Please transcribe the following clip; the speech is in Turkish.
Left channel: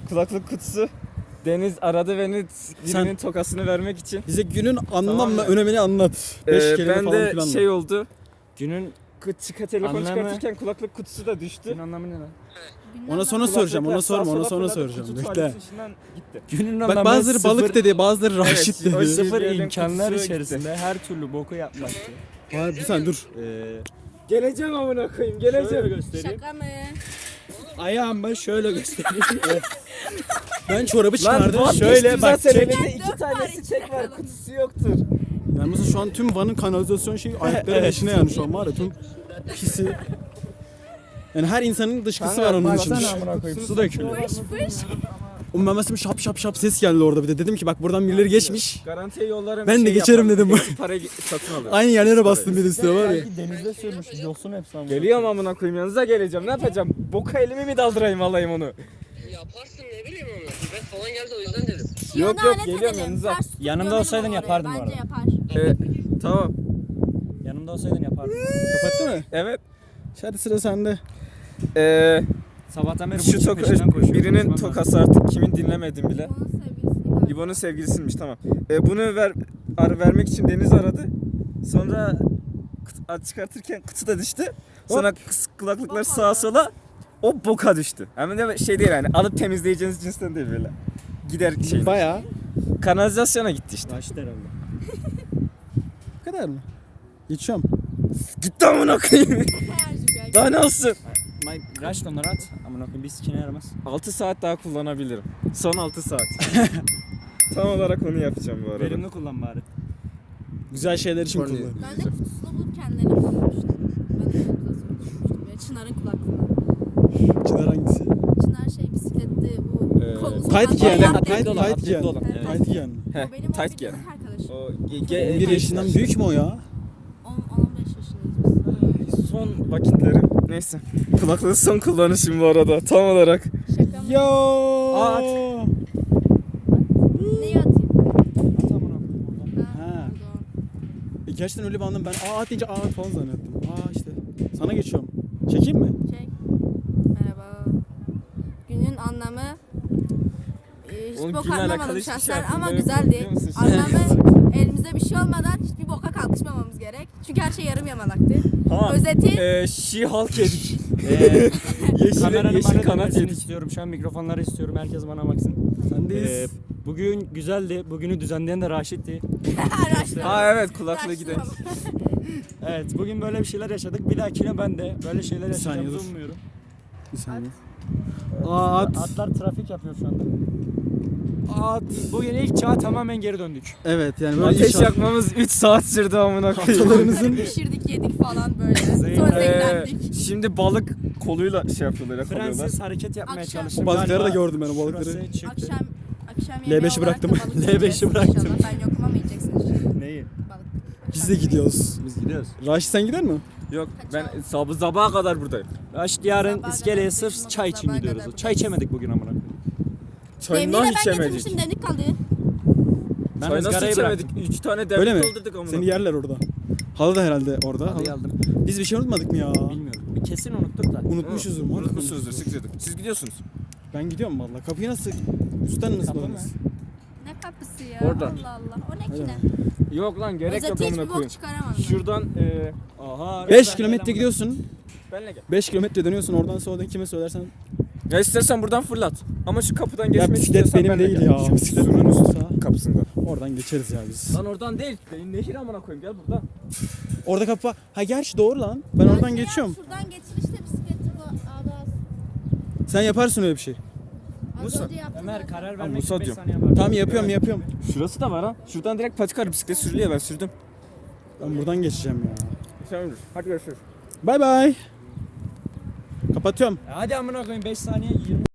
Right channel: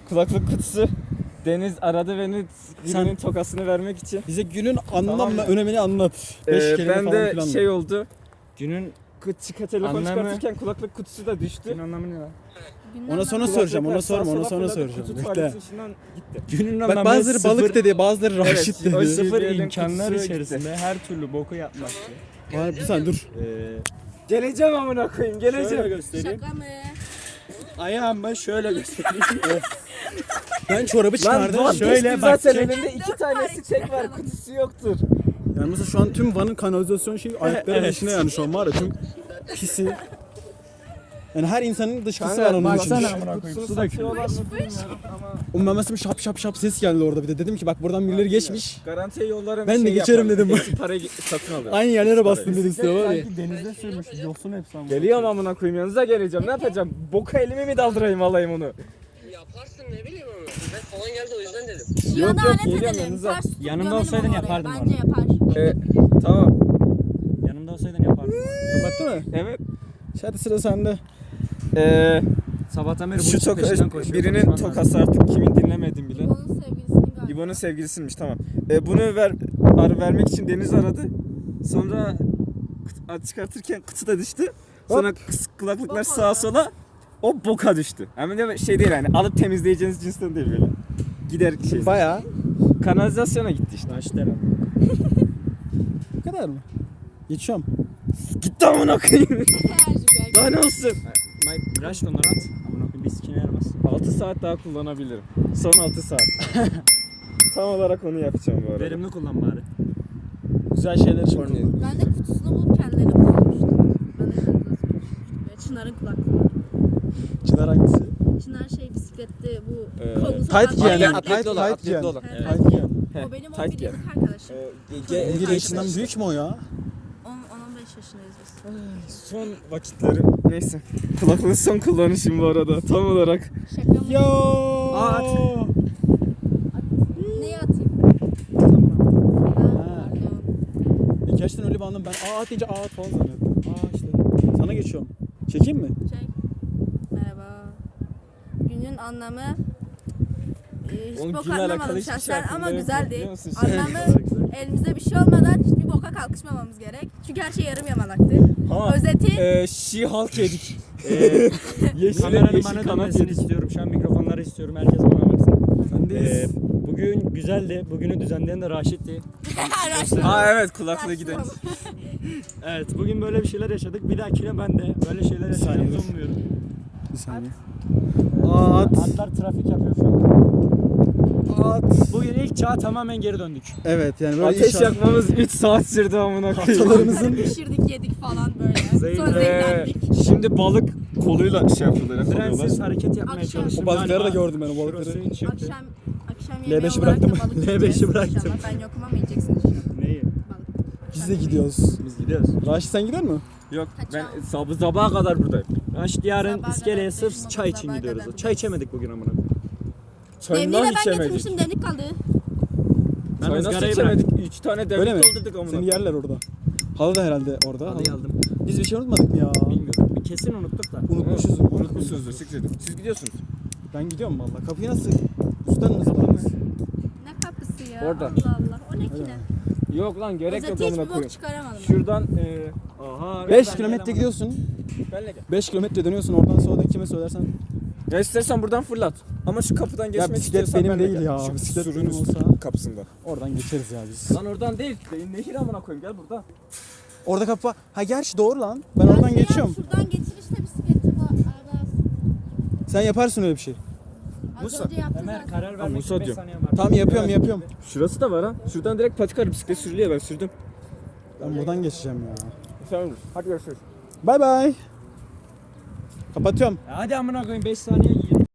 kulaklık kutusu. Deniz aradı beni günün tokasını vermek için. Bize günün anlam Tamam ve önemini anlat. 5 kelime ben falan de filan. şey oldu. Günün Telefon anlamı- çıkartırken kulaklık kutusu da düştü. günün anlamı ne lan? Ona sonra soracağım. Ona sorma. Ona sonra soracağım. Kutu Bekle. tuvaleti içinden gitti. Günün Bak anlamı bazıları balık sıfır- dedi, bazıları raşit Evet, o dedi. sıfır Sıfır elin imkanlar kutusu içerisinde her türlü boku yapmak. Var bir saniye dur. Geleceğim amına koyayım, geleceğim. Şöyle göstereyim. Şaka mı? Ayağımı şöyle göstereyim. Ben çorabı çıkardım. şöyle bak, zaten çek. elinde 2 tanesi çek var, kutusu yoktur. Yani mesela şu an tüm Van'ın kanalizasyon şeyi ayakların içine yani şu an var ya tüm pisi. Yani her insanın dışkısı var onun için. Baksana amına koyayım. Su dökülüyor. O memesi şap şap şap ses geldi orada bir de. Dedim ki bak buradan birileri geçmiş. Garantiye yollarım. Ben de geçerim dedim. Hepsi parayı satın alıyor. Aynı yerlere bastım bir de size var ya. Denizde sürmüş. Yosun hepsi ama. Geliyorum amına koyayım, yanınıza geleceğim. Ne yapacağım? Boka elimi mi daldırayım, alayım onu? Yaparsın ne bileyim onu. Ben falan geldi o yüzden dedim. Yok, Yana alet geliyorum edelim. yanınıza. Ters tutup Yanımda gömelim olsaydın onu oraya. yapardım bu Bence arada. yapar. Tamam. Yanımda olsaydın yapardım. Kapattı mı? Evet. Hadi sıra sende. Sabahtan beri Şu bunun peşinden koşuyorum. birinin Konuşmam lazım. tokası artık kimin dinlemedim bile. Onun sevgilisini galiba. İbo'nun sevgilisiymiş, tamam. Bunu vermek için Deniz aradı. Sonra çıkartırken kutu da düştü. Sonra kulaklıklar Boka sağa oldu. sola o boka düştü. Hem de şey değil yani, alıp temizleyeceğiniz cinsten değil böyle. Gider şey. Bayağı. Kanalizasyona gitti işte. Taş derim. Bu kadar mı? Geçiyorum. Gitti amına koyayım. Enerji belki. Daha ne olsun? My rush onları at. Amına koyayım bir sikine yaramaz. 6 saat daha kullanabilirim. Son 6 saat. Tam olarak onu yapacağım bu arada. Verimli kullan bari. Güzel şeyler için Sonra- kullanıyorum. Ben de kutusunu bulup kendilerine kullanmıştım. Ben de kanalizasyon düşünmüştüm. Ya Çınar'ın kulaklığı. Çınar hangisi? Çınar şey bisiklette bu kolunuza Kayıt takılan- giyen. atletli Kayıt olan, kayıt atletli giyen. olan. Evet. Kayıt giyen. Heh, O benim tight 11 giyen. yıllık arkadaşım. Bir yaşından büyük mü o ya? 10-15 yaşındayız biz. Son vakitleri. Neyse. Kulaklığın son kullanışım bu arada. Tam olarak. Şaka mı? Yo. At. Neyi atayım? Ha. Gerçekten öyle bir anlam ben at deyince falan zannettim. İşte. Sana geçiyorum. Çekeyim mi? Şey. Merhaba. Günün anlamı hiç Oğlum, bok günle anlamadım alakalı hiçbir şey şahsen ama aklımda yok, güzeldi. biliyor musun? Anlamı elimizde bir şey olmadan hiçbir boka kalkışmamamız gerek. Çünkü her şey yarım yamalaktı. Ha, Özeti She-Hulk yedik. Kameranın yeşil bana kanat dönmesini yedik. istiyorum. Şu an mikrofonları istiyorum. Herkes bana baksın. Sendeyiz. Bugün güzeldi. Bugünü düzenleyen de Raşit'ti. Ha evet, kulaklığı gidelim. Evet, bugün böyle bir şeyler yaşadık. Bir dahakine ben de böyle şeyler saniye yaşayacağımı dur. umuyorum. Bir saniye. Atlar trafik yapıyor şu an. Bugün ilk çağa tamamen geri döndük. Evet yani böyle Ateş inşaat- yakmamız 3 saat sürdü amına koyayım. Atalarımızın pişirdik yedik falan böyle. Sonra zehirlendik. Şimdi balık koluyla şey yapıyorlar, yakalıyorlar. Frensiz hareket yapmaya Akşam. çalıştım. O balıkları da Galiba gördüm ben, o balıkları. şurası çıktı. Akşam yemeği L5'i olarak da bıraktım. balık L5'i yiyeceğiz bıraktım. inşallah. Ben yokum ama yiyeceksiniz. Neyi? Balık. biz de gidiyoruz. Biz gidiyoruz. Raşit sen gider mi? Yok, ben Kaçalım. sabaha kadar buradayım. Raşit yarın Sabaha iskeleye kadar sırf buradayız, çay için sabaha gidiyoruz. kadar Çay içemedik bugün amına. Çayından Demliği de ben içemedik. getirmiştim demlik kaldı. Ben Çay nasıl ızgarayı içemedik? 3 tane Öyle mi? demlik doldurduk amına. Seni yerler orada. Halı da herhalde orada. Halıyı aldım. Biz bir şey unutmadık mı ya? Bilmiyorum. Kesin unuttuk da. Unutmuşuzdur. Unutmuşsunuzdur, siktir. Siz gidiyorsunuz. Ben gidiyorum valla. Kapıyı nasıl? Üstten mi ısmarladınız? Ne kapısı ya? Orada. Allah Allah. O ne ki ne? Yok lan, gerek yok Özeti hiçbir amına bok koyayım. çıkaramadım ben. Şuradan Aha. 5 kilometre gidiyorsun. benle gel. 5 kilometre dönüyorsun oradan sonra kime söylersen. Ya istersen buradan fırlat. Ama şu kapıdan Ya geçmek bisiklet istiyorsan benim benle değil gel. ya. Şu Bisiklet sürünün benim olsa kapısından. oradan geçeriz ya biz. Lan oradan değil. Nehir amına koyayım, gel burada. Orada kapı var. Ha gerçi doğru lan. Ben oradan Ya geçiyorum. Şuradan getirişte bisikleti var. Abi az. Sen yaparsın öyle bir şey. Az Musa. önce yaptım Ömer zaten. karar Musa vermek için 5 diyor. saniye var. Tamam yapıyorum Evet. yapıyorum. Şurası da var ha. Şuradan direkt patikayla bisiklet sürülüyor, ben sürdüm. Ben buradan geçeceğim ya. Sen olur. Hadi görüşürüz. Bay bay. Kapatıyorum. Hadi amına koyayım 5 saniye 20